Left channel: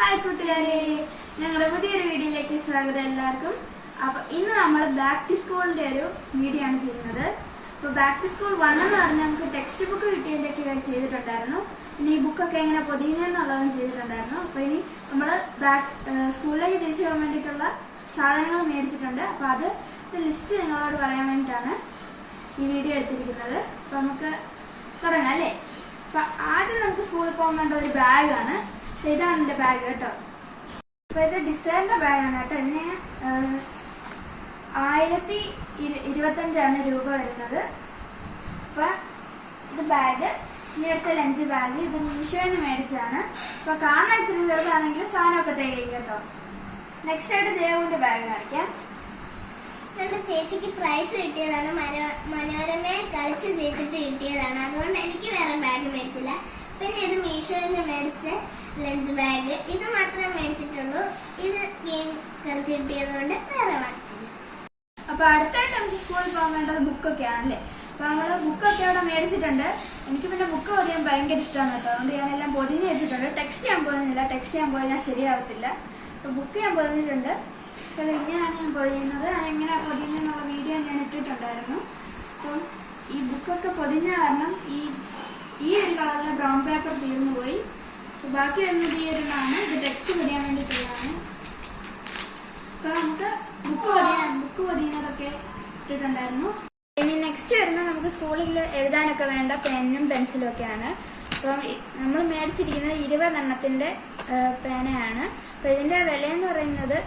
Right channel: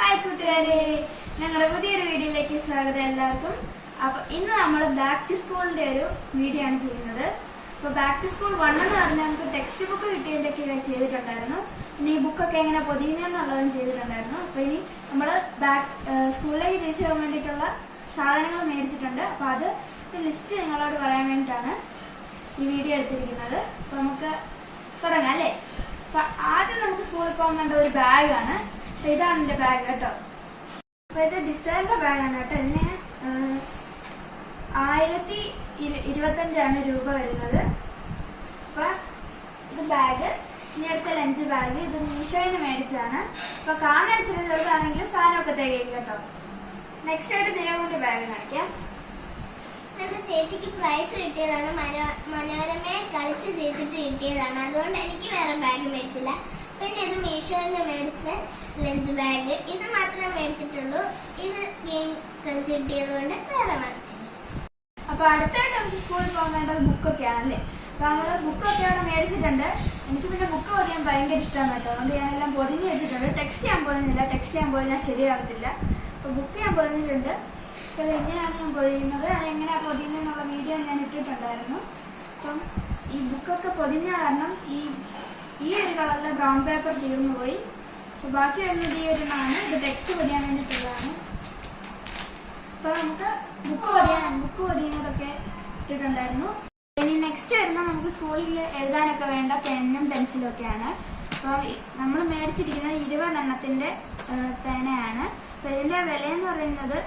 Hi കൂട്ടുകാരെ, ഞങ്ങളുടെ പുതിയൊരു വീഡിയോയിലേക്ക് സ്വാഗതം എല്ലാവർക്കും. അപ്പൊ ഇന്ന് നമ്മൾ ബാക്ക് ടു സ്കൂളിന്റെ ഒരു വീഡിയോ ആണ് ചെയ്യുന്നത്. അപ്പൊ ബാക്ക് ടു സ്കൂൾ 1 എന്ന് പറഞ്ഞാൽ നമുക്ക് ടെക്സ്റ്റ് ബുക്ക് കിട്ടിയതിന്റെയൊക്കെ ചെയ്തിട്ടുണ്ടായിരുന്നു. പിന്നെ ഈ ബുക്കൊക്കെ എങ്ങനെ പൊതിയുന്നതെന്നുള്ളതും ചെയ്തിട്ടുണ്ടായിരുന്നു. അപ്പൊ ഇനി നമ്മൾ സ്കൂളിലേക്ക് തിരിച്ചു പോകാൻ വേണ്ടിയിട്ടുള്ള സാധനങ്ങൾ മേടിച്ചിട്ടുണ്ട്. അപ്പൊ അത് ലിസ്റ്റ് നിങ്ങളോട് പറയാൻ വേണ്ടിയിട്ടാണ് ഈ വീഡിയോ എടുത്തിരിക്കുന്നത്. അപ്പൊ നമുക്ക് തുടങ്ങാം അല്ലേ. അപ്പൊ ആദ്യം നമുക്ക് സ്കൂളിൽ പോകാൻ വേണ്ട ഒരു ബാഗാണ്. ഇതാണ് എന്റെ ബാഗ് കേട്ടോ. അപ്പൊ ഇത് ഡിസൈനിന്റെ ബാഗാണ് കേട്ടോ. ഇതിന് 1025 രൂപ വരുന്നത്. അപ്പൊ ഇത് ബാഗ്. ഇനി അടുത്ത ലഞ്ച് ബാഗ്. ഇത് മീഷോന്ന് മേടിച്ചാണ്. അപ്പൊ കാണാൻ ഇച്ചിരി ചെറുതാണെങ്കിൽ സാധനമൊക്കെ തികയും കേട്ടോ. നെക്സ്റ്റ് ആയിട്ട് ദേവുവിന്റെ ബാഗ് കാണിക്കാം. എന്റെ ചേച്ചിക്ക് പ്രൈസ് കിട്ടിയതാണ്. മനോരമയെ കളിച്ച് ജയിച്ചിട്ട് കിട്ടിയതാണ്. അതുകൊണ്ട് എനിക്ക് വേറെ ബാഗ് മേടിച്ചില്ല. പിന്നെ ഇത് മീഷോന്ന് മേടിച്ച ലഞ്ച് ബാഗ്. ഇത് മാത്രമേ മേടിച്ചിട്ടുള്ളൂ. ഇത് ഗെയിം കളിച്ച് കിട്ടിയതുകൊണ്ട് വേറെ മേടിച്ചില്ല. അപ്പൊ അടുത്തായിട്ട് നമുക്ക് സ്കൂളിൽ പോകാൻ വേണ്ടത് ബുക്കൊക്കെ ആണല്ലേ. അപ്പൊ നമ്മള് ബുക്കൊക്കെ അവിടെ മേടിച്ചിട്ടുണ്ട്. എനിക്ക് പിന്നെ ബുക്ക് പൊതിയാൻ ഭയങ്കര ഇഷ്ടമാണ് കേട്ടോ. അതുകൊണ്ട് ഞാനെല്ലാം പൊതിഞ്ഞ് വെച്ചിട്ടുണ്ട്. ടെക്സ്റ്റ് ചെയ്യാൻ പോകുന്നില്ല. ടെക്സ്റ്റ് ചെയ്യാൻ പോയാൽ ശരിയാവത്തില്ല. അപ്പൊ ബുക്ക് ഞാൻ പൊതിഞ്ഞിട്ടുണ്ട്. അപ്പൊ എങ്ങനെയാണ് ഞാൻ പൊതിയുന്നത്, അതെങ്ങനെയാണ് പൊതിയുന്നതെന്നുള്ള വീഡിയോ ഞാൻ ഇട്ടിട്ടുണ്ടായിരുന്നു. അപ്പം ഈ ബുക്കൊക്കെ പൊതിഞ്ഞ കാരണം ഈ ഒരു കളറിലെ ബ്രൗൺ പേപ്പർ തീർന്നു പോയി. ബാക്കി വരുന്നത് ഈ ഒരെണ്ണമാണ്. ഇത് ടെക്സ്റ്റ് പൊതിയാൻ വേണ്ടിയിട്ടുള്ളതാണ്. അപ്പൊ നമുക്ക് ബുക്ക് പൊതിയുന്നതൊക്കെ ഇട്ടിട്ടുണ്ടായിരുന്നു. ഇനി നെക്സ്റ്റ് വരുന്നത് നമുക്ക് സ്കൂളിൽ എഴുതാനൊക്കെ വേണ്ട പെന്നും പെൻസിലും ഒക്കെയാണ്. അപ്പൊ നമ്മൾ മേടിച്ചിരിക്കുന്നത് 20 എണ്ണത്തിന്റെ പേനയാണ്. അപ്പൊ ഇതിന്റെ വില എന്ന് പറയുന്നത്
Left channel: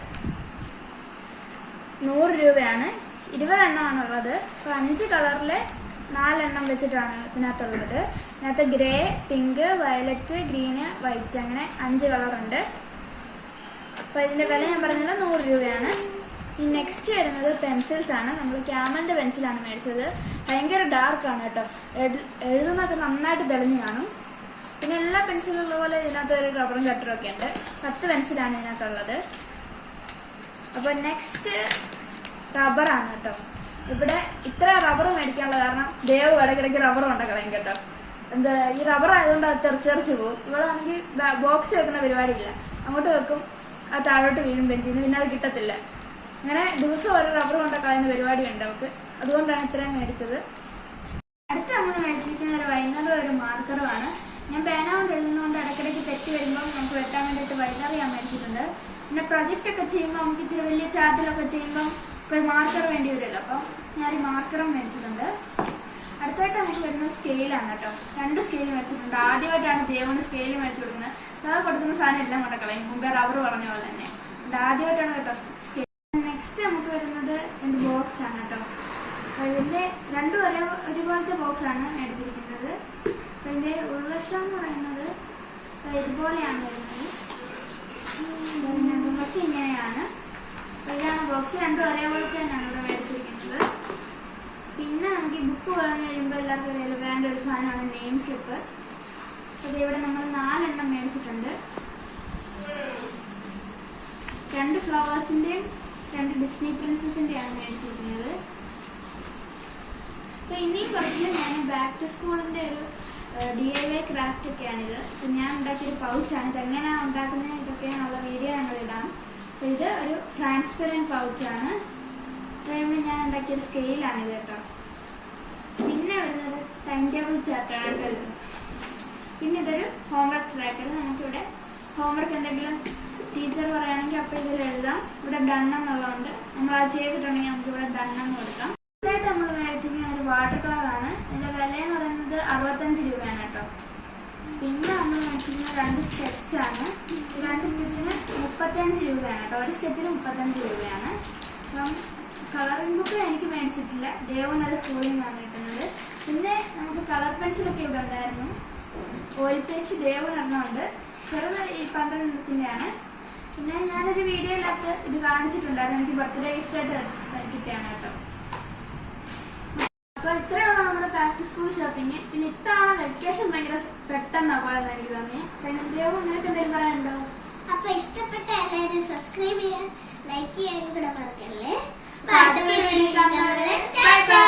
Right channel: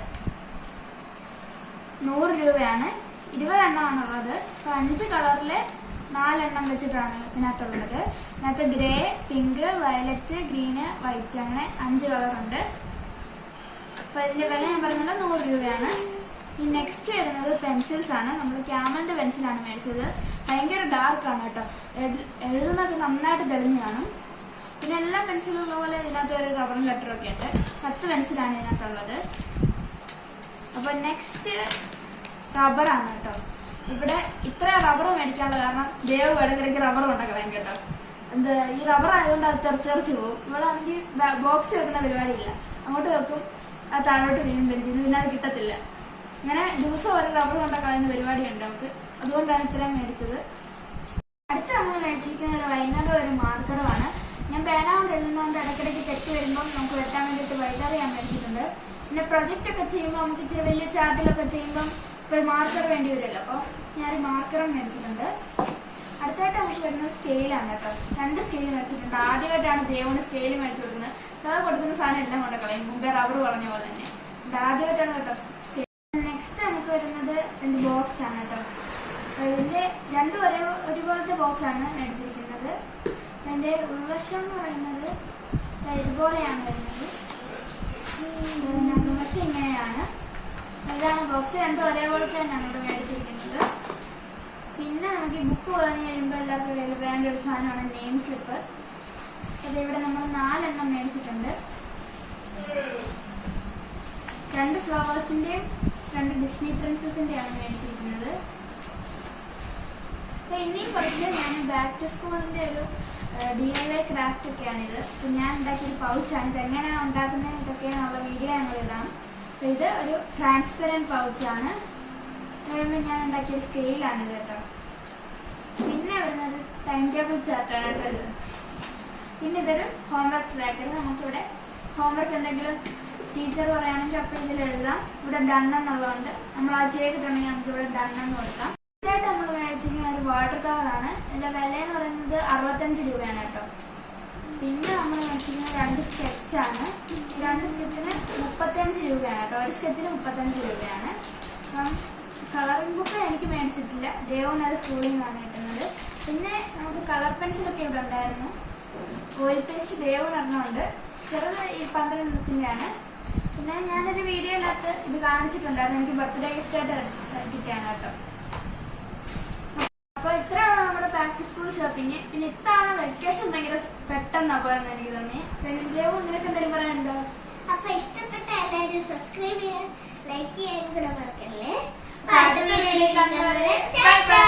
100 രൂപയാണ്. 20 എണ്ണമാണുള്ളത്. അപ്പൊ 5 കളറിലെ 4 എണ്ണം വെച്ചിട്ടാണ് ഇതിനകത്തുള്ളത്. ഇതിനകത്ത് grey, pink, violet, green, white അങ്ങനെ 5 കളറുണ്ട്. അപ്പൊ ഇതിന്റെ വില ഞാൻ പറഞ്ഞത് 100 രൂപയാണ്. ഈ നെക്സ്റ്റ് വരുന്നത് പെൻസിൽസ് ആണ്. നമ്മൾ ക്യാമലിന്റെ പെൻസിലാണ് മേടിച്ചത്. ഭയങ്കര ഡാർക്ക് ആണ് കേട്ടോ. എഴുതുന്നൊക്കെ നന്നായിട്ട് തെളിഞ്ഞു കാണും. പിന്നെ എല്ലാ പെൻസിലുള്ള പോലെ ഇതിനകത്ത് ഒരു റബ്ബറും കട്ടറും ഒക്കെ ഉണ്ട്. 10 പെൻസിലാണ് ഇതിനകത്തുള്ളത്. അപ്പൊ നെക്സ്റ്റ് റബ്ബറാണ് കേട്ടോ. ഇവിടെ ഇത്ര റബ്ബർ മേടിക്കാനുള്ള കാരണം ദേവ് ഇടയ്ക്കിടയ്ക്ക് റബ്ബർ കൊണ്ടക്കളയും കേട്ടോ. ഈ റബ്ബർ ആയതുകൊണ്ട് അത് തെറിച്ചെറിച്ച് പോകും. ഇവളാണെങ്കിൽ ബോക്സ് വെക്കുന്ന പരിപാടിയില്ല. അങ്ങോട്ട് വെക്കും, അത് താഴോട്ട് വീഴും ബെഞ്ചിൽ നിന്ന്. പിന്നെ അത് കിട്ടത്തില്ല. അങ്ങനെ ദിവസം ഒരു റബ്ബർ കൊണ്ടക്കളയുന്ന പരിപാടിയുണ്ട് അവർക്ക്. അതുകൊണ്ടാണ് ഇത്രയും മേടിച്ചത്. അടുത്ത് നമ്മൾ മേടിച്ചിരിക്കുന്ന ഒരു വൈകുന്നേരം ഒരു മാർക്കറുമാണ്. ഞാൻ പേന കൊണ്ട് എഴുതുന്നതുകൊണ്ട് ഇടയ്ക്കിടയ്ക്ക് തെറ്റ് വരുമ്പോൾ നമുക്ക് വെട്ടാൻ വേണ്ടിയിട്ട് വൈകാറി ഞാൻ മേടിച്ചിട്ടുണ്ട്. പിന്നെ പ്രൊജക്റ്റ് ഒക്കെ ചെയ്യുമ്പോൾ നമുക്ക് ഇച്ചിരി വലിയ ചാർട്ടിലൊക്കെ ചെയ്യുമ്പോൾ ഒരു മാർക്കർ വേണ്ടി വരുമല്ലോ. അപ്പൊ ഞാൻ ഈ മാർക്കറും മേടിച്ചിട്ടുണ്ട്. അടുത്തായിട്ട് നമുക്ക് വരുന്നത് സ്കെയിലാണ് കേട്ടോ. 2 സ്കെയിൽ മേടിച്ചിട്ടുണ്ട്. ആദ്യമായിട്ടാണ് ദേവന് സ്കെയിൽ മേടിച്ചു കൊടുക്കുന്നത്. അത് കൊടുക്കുന്ന സാധനം എല്ലാം കൊണ്ടക്കളയും. മുമ്പേ റബ്ബർ പറഞ്ഞ പോലെ തന്നെ. ആദ്യമായിട്ടാണ് കേട്ടോ സ്കെയിൽ. നെക്സ്റ്റ് നമുക്ക് വരുന്നത് 2 ബോക്സ് ആണ് കേട്ടോ. ഇതിന്റെ 2 ഒരുപോലത്തെ ബോക്സ് ആണ് മേടിച്ചിരിക്കുന്നത്. അപ്പൊ ഇതിന്റെ ഉൾവശം എന്ന് പറയുന്നത് ഇതുപോലെയാണ് വരുന്നത്. പക്ഷെ ഇങ്ങനെയാണ്. ഇതാണ് ബോക്സ്. 2 ഒരേപോലത്തെ തന്നെയാണ് ഇവിടെ മേടിച്ചിരിക്കുന്നത്. പിന്നെ നമുക്ക് ഈ ബുക്ക് പറഞ്ഞു കഴിയുമ്പോൾ എല്ലാവർക്കും വേണ്ട ഒരു സാധനമാണ് നെയിം സ്ലിപ്പ്. അപ്പൊ ഇവിടെ നമ്മൾ 4 എണ്ണം മേടിച്ചിട്ടുണ്ട്. 2 ഫ്ലവേഴ്സിന്റെയും 2 ഡിസ്നി പ്രിൻസസിന്റെയാണ് മേടിച്ചിരിക്കുന്നത്. അപ്പൊ ഇനി കുറച്ച് ഞാൻ ബാക്ക് ടു സ്കൂളിന്റെ ഒരു DIY ക്രാഫ്റ്റ് ഒക്കെയാണിത്. അപ്പൊ ഞാൻ ഉണ്ടാക്കിയൊരു പൗച്ചാണ്. ഇതെങ്ങനെ ഉണ്ടാക്കുന്നത് ഇതൊക്കെയാണുള്ള വീഡിയോ ഞങ്ങളിടാം. അപ്പൊ ഇത് ഒരു ട്രാൻസ്പെറന്റ് പൗച്ചാണ്. ഞാൻ ഉണ്ടാക്കിയൊരു സ്കെയിലാണിത് കേട്ടോ. പിന്നെ വരുന്നത് ടൈം ടേബിൾ ചാർട്ടാണ് കേട്ടോ ഇത്. പിന്നെ ഇതൊരു ഹോംവർക്ക് ട്രാക്കർ. നമുക്കിവിടെ ഹോംവർക്ക് എന്തെങ്കിലും ടീച്ചർ പറയുകയാണെങ്കിൽ അപ്പോൾ ഇതിൽ എഴുതാം. ഇവിടെ ഡൺ എന്നുള്ളതുകൊണ്ട് നമ്മൾ അത് ചെയ്തിട്ടുണ്ടെങ്കിൽ നമുക്ക് ഇവിടെ ഡൺ എന്ന് കൊടുക്കാം. ഇതായിട്ട് നമ്മൾ മേടിച്ചിരിക്കുന്ന ഒരു വാട്ടർ കളറാണ്. ഇതിന്റെ വില എന്ന് പറയുന്നത് 65 രൂപയാണ് കേട്ടോ. പിന്നെ നമ്മൾ മേടിച്ചിരിക്കുന്ന 2 സ്കെച്ചാണ്. ഈ 2 സ്കെച്ചിന് 35 രൂപയാണ് കേട്ടോ. ഒരു സ്കെച്ചിന് 35 രൂപയാണ്. അപ്പം കളറിംഗ് ബുക്ക് എനിക്ക് മേടിച്ചിട്ടില്ല. ദേവനത് സ്കൂളിൽ നിന്നാണ് കിട്ടുന്നത്. പിന്നെ നമുക്ക് കളർ പെൻസിലൊക്കെ ഇവിടെ ഉണ്ടായിരുന്നു. ഓയിൽ പേസ്റ്റ് ദേവനൊരെണ്ണമുണ്ട്. ചെറുത് ഈ 12 എണ്ണത്തിന്റെയാണ്. പിന്നെ ഞാനൊരു വീഡിയോയിനകത്ത് ഇത് കാണിച്ചിട്ടുണ്ടായിരുന്നു. എനിക്ക് ബർത്ത്ഡേ ഗിഫ്റ്റ് ആയിട്ട് കിട്ടിയാണ് കേട്ടോ. അപ്പൊ ഇത്രയാണ് നമ്മുടെ ബാക്ക് ടു സ്കൂൾ ഷോപ്പിംഗ്. പിന്നെ ഇത്തവണ വെക്കേഷൻ ഭയങ്കര പെട്ടെന്നാ പോയെന്ന് എനിക്ക് തോന്നി. ദേവു നിനക്ക് എന്തെങ്കിലും പറയാനുണ്ടോ? അപ്പൊ ഇഷ്ടപ്പെട്ട എല്ലാവരും സബ്സ്ക്രൈബ് ചെയ്യാൻ, ലൈക്ക് ചെയ്യാൻ കൂടെ മറക്കല്ലേ. Bye bye.